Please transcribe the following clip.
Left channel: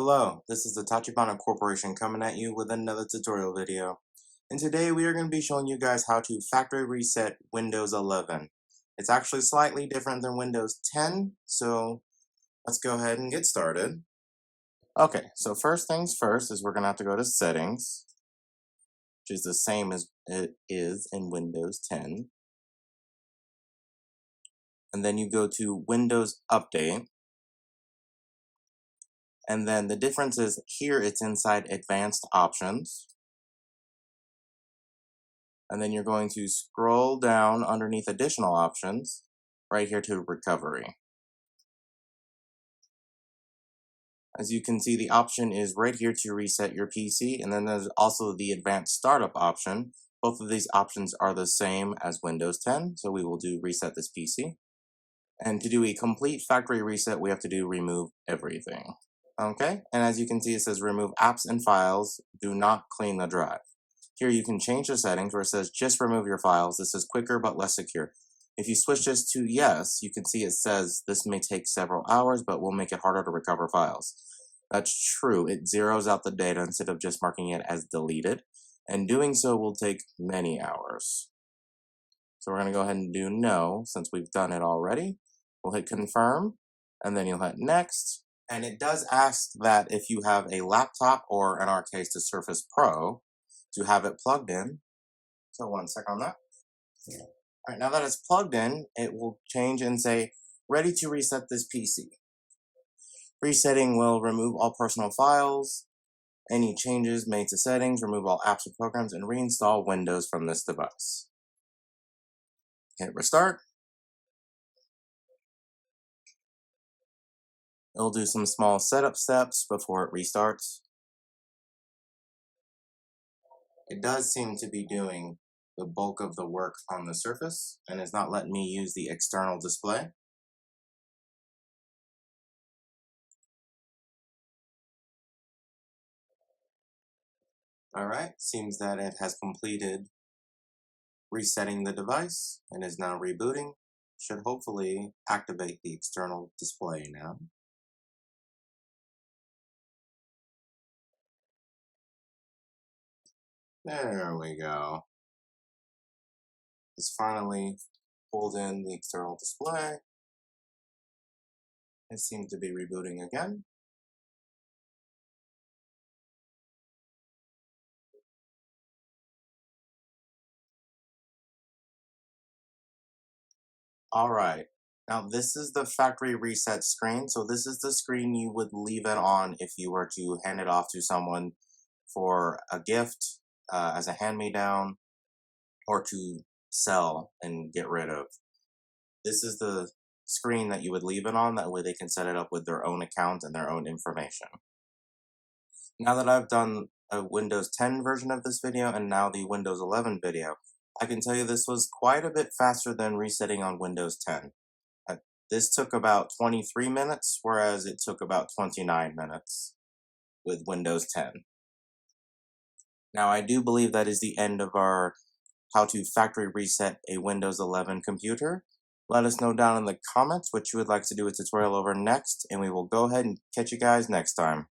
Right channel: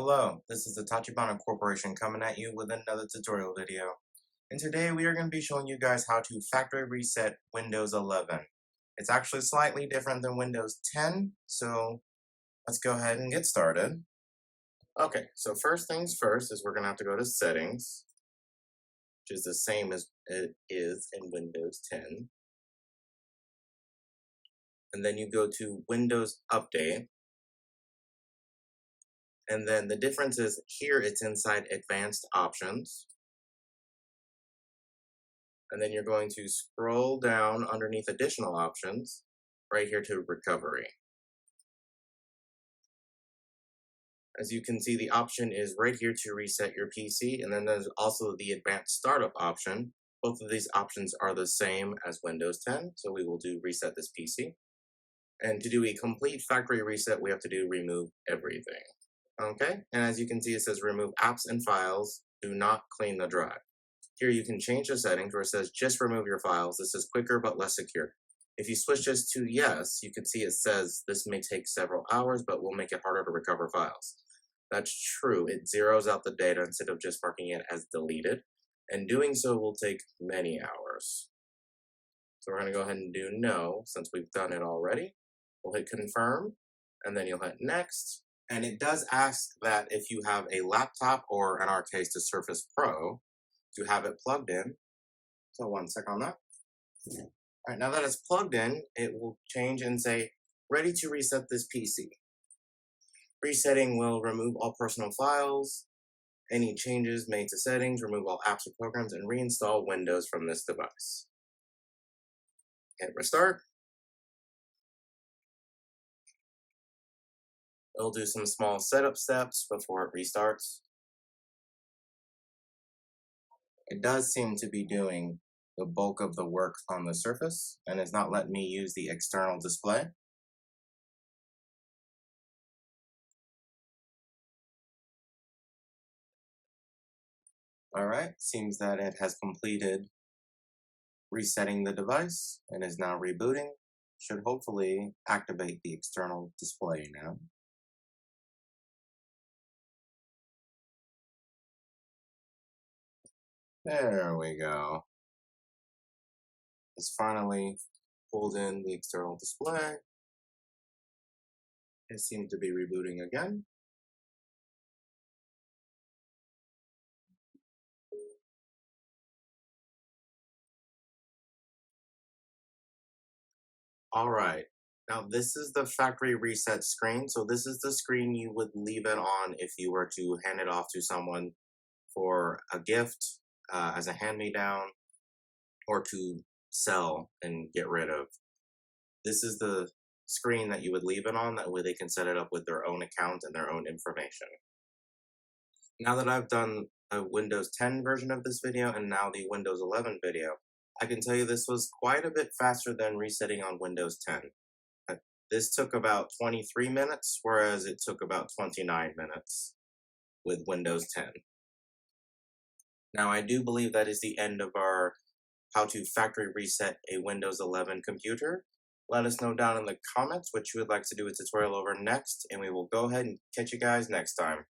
Hello, this is the Tachibana Corporation coming at you with another tutorial video. And today we are going to be showing you guys how to factory reset Windows 11. It's actually slightly different than Windows 10, so let's go ahead and get started. Okay, so first things first is we're going to have to go to Settings, which is the same as it is in Windows 10. And then you go to Windows Update. And then the difference is here it's inside Advanced Options. And then you're going to scroll down underneath Additional Options, right here to Recovery. As you can see, the option is right here to reset your PC, and then there's also the Advanced Startup option. Both of these options are the same as Windows 10, so we will do Reset this PC. And to do a complete factory reset, we have to do Remove Everything. Okay, and as you can see, it says Remove Apps and Files, do not clean the drive. Here you can change the settings where it says just remove your files. This is quicker but less secure. If you switch this to yes, you can see it says this may take several hours, but will make it harder to recover files. That's true. It zeroes out the data instead of just marking it as deleted, and doing so will take many hours. So we're going to go ahead and do no since we've done it already. We'll hit confirm, and then you'll hit next. And it does ask that if you have a laptop, or in our case, the Surface Pro, to have it plugged in. So 1 sec on that. All right, now that it's plugged in, it will change and say, ready to reset this PC. Resetting will remove all personal files, any changes made to settings, remove all apps or programs, and reinstall Windows from this device. Hit restart. It'll do some small setup steps before it restarts. It does seem to be doing the bulk of the work on the Surface and is not letting me use the external display. Alright, seems that it has completed resetting the device and is now rebooting. Should hopefully activate the external display now. There we go. It's finally pulled in the external display. It seems to be rebooting again. All right. Now this is the factory reset screen. So this is the screen you would leave it on if you were to hand it off to someone for a gift, as a hand-me-down, or to sell and get rid of. This is the screen that you would leave it on. That way they can set it up with their own account and their own information. Now that I've done a Windows 10 version of this video and now the Windows 11 video, I can tell you this was quite a bit faster than resetting on Windows 10. This took about 23 minutes, whereas it took about 29 minutes with Windows 10. Now, I do believe that is the end of our how to factory reset a Windows 11 computer. Let us know down in the comments what you would like to do a tutorial over next, and we will go ahead and catch you guys next time.